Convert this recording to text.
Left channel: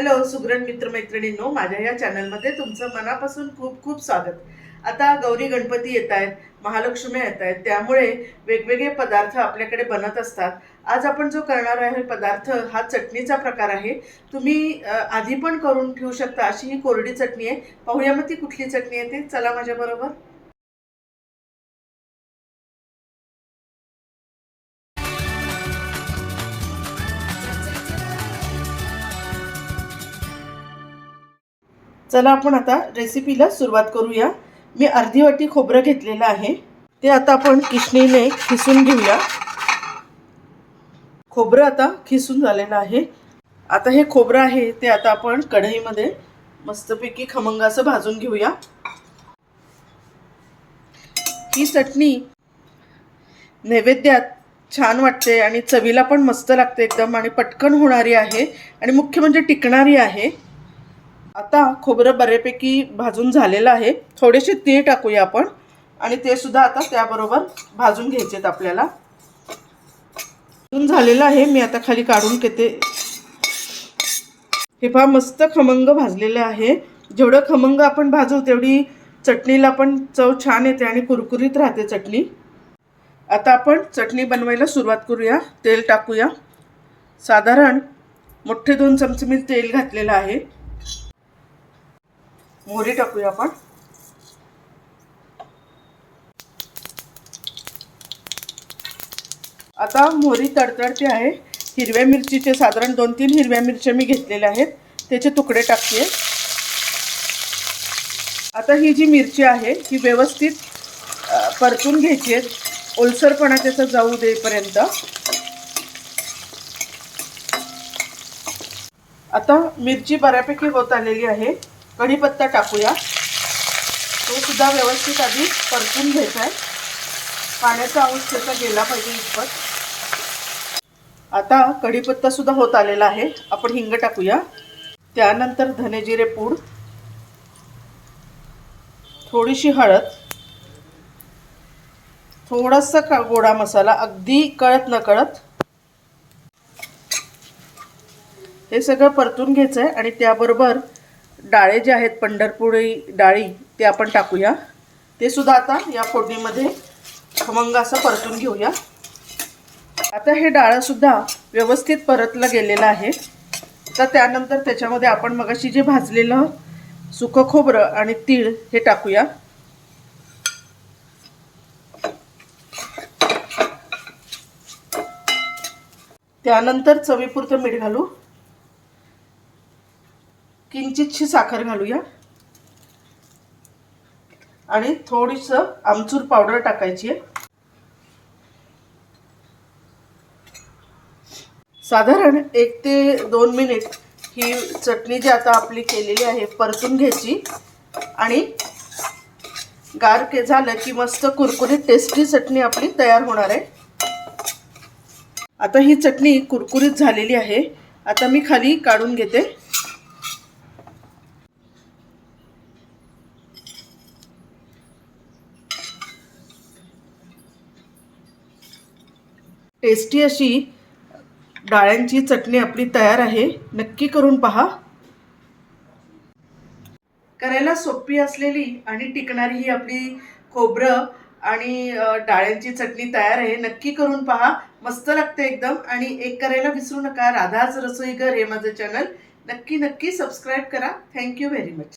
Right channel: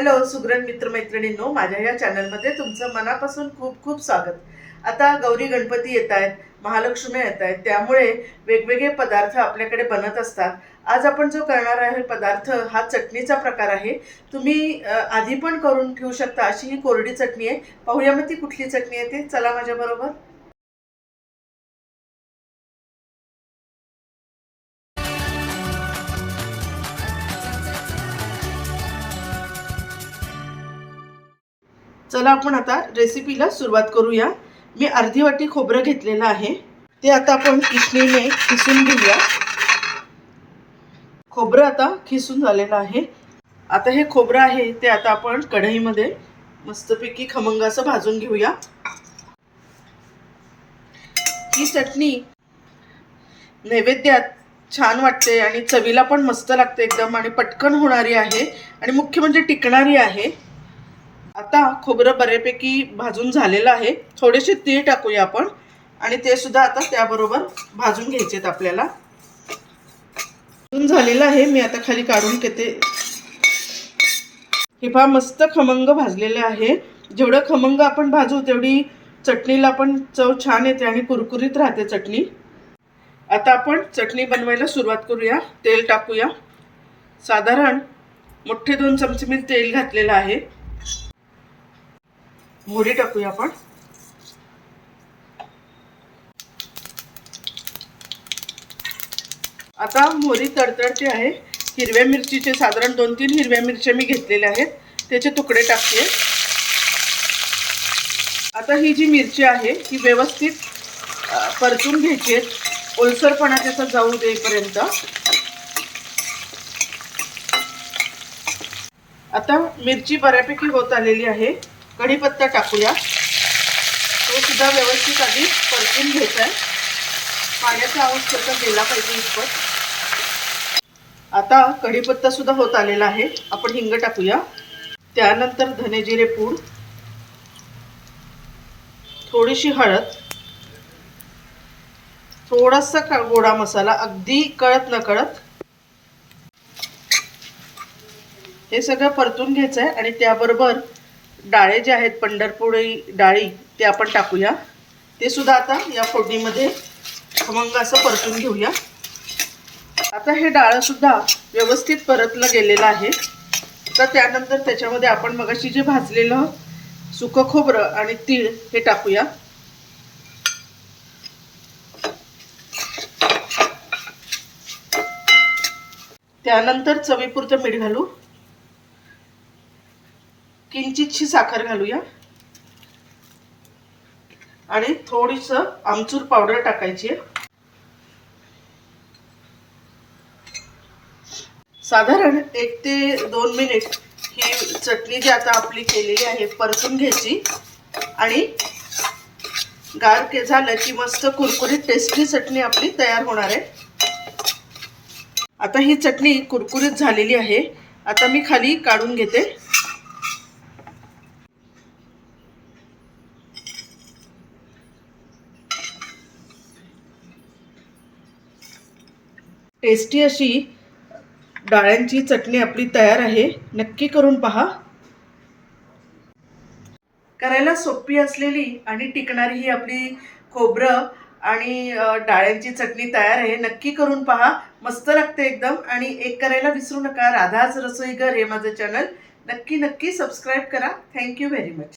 Hello Sugran मित्रमैत्रिणींनो माझ्या या चॅनलमध्ये तुमचं मनापासून खूप खूप स्वागत. आता गौरी गणपती येत आहेत महालक्ष्मी येत आहेत त्यामुळे वेगवेगळे पदार्थ आपल्याकडे बनत असतात. आज आपण जो करणार आहे पदार्थ हा चटणीचा प्रकार आहे. तुम्ही आधी पण करून ठेवू शकता अशी ही कोरडी चटणी आहे. पाहूया मग ती कुठली चटणी आहे ते. चला माझ्याबरोबर. चला आपण आता रेसिपीला सुरुवात करूया. मी अर्धी वाटी खोबरं घेतलेलं आहे. ते आता आपण किसणीने खिसून घेऊया. खोबरं आता खिसून झालेलं आहे. आता हे खोबरं आहे ते आता आपण कढईमध्ये मस्तपैकी खमंग असं भाजून घेऊया. ही चटणी नैवेद्यात छान वाटते आणि चवीला पण मस्त लागते एकदम आणि पटकन होणारी आहे आणि मुख्य म्हणजे टिकणारी आहे. आता खोबरं बऱ्यापैकी भाजून झालेलं आहे. थोडेसे तीळ टाकूया आपण. आणि ते सुद्धा आता त्याबरोबर भाजून घ्यायचे आहेत आपल्याला. भाजून झालेलं आहे. मी आता खाली काढून घेते. हे पहा मस्त खमंग भाजलेलं आहे. जेवढं खमंग आपण भाजू तेवढी चटणीला पण चव छान येते आणि कुरकुरीत राहते चटणी. आता आपण चटणी बनवायला सुरुवात करूया. तेल टाकूया. साधारण मोठे दोन चमचे मी तेल घातलेलं आहे. मोहरी टाकूया आपण. आता मोहरी तडतडते आहे. हिरव्या मिरचीचे साधारण दोन तीन हिरव्या मिरच्या मी घेतलेल्या आहेत. त्याचे तुकडे टाकते. आता ही जी मिरची आहे ही व्यवस्थित परतून घ्यायची आहे. ओलसरपणा त्याचा जाऊ देईपर्यंत. आता मिरची बऱ्यापैकी होत आलेली आहे. कढीपत्ता टाकूया. तो सुद्धा व्यवस्थित आधी परतून घ्यायचा आहे. पाण्याचा अंश त्याचा गेला पाहिजे इतपत. आता कढीपत्ता सुद्धा होत आलेला आहे. आपण हिंग टाकूया. त्यानंतर धनेजिरे पूड थोडीशी हळद थोडासा का गोडा मसाला अगदी कळत न कळत हे सगळं परतून घ्यायचं आहे आणि त्याबरोबर डाळे जे आहेत पंढरपुरी डाळी ते आपण टाकूया. ते सुद्धा आता या फोडणीमध्ये खमंग असं परतून घेऊया. आता हे डाळंसुद्धा व्यवस्थित परतलं गेलेलं आहे. तर त्यानंतर त्याच्यामध्ये आपण मगाशी जे भाजलेलं सुकं खोबरं आणि तीळ हे टाकूया. त्यानंतर चवीपुरतं मीठ घालू. किंचितशी साखर घालूया. आणि थोडीसं आमचूर पावडर टाकायची आहे. साधारण एक ते दोन मिनिट ही चटणी जी आता आपली केलेली आहे परतून घ्यायची. आणि गार के झालं की मस्त कुरकुरीत टेस्टी चटणी आपली तयार होणार आहे. आता ही चटणी कुरकुरीत झालेली आहे. आता मी खाली काढून घेते. टेस्टी अशी डाळ्यांची चटणी आपली तयार आहे. नक्की करून पहा. करायला सोपी असलेली आणि टिकणारी ही आपली खोबरं आणि डाळ्यांची चटणी तयार आहे. नक्की करून पहा. मस्त लागते एकदम. आणि एक करायला विसरू नका. राधाच रसोईगर हे माझं चॅनल नक्की नक्की सबस्क्राईब करा. Thank you very much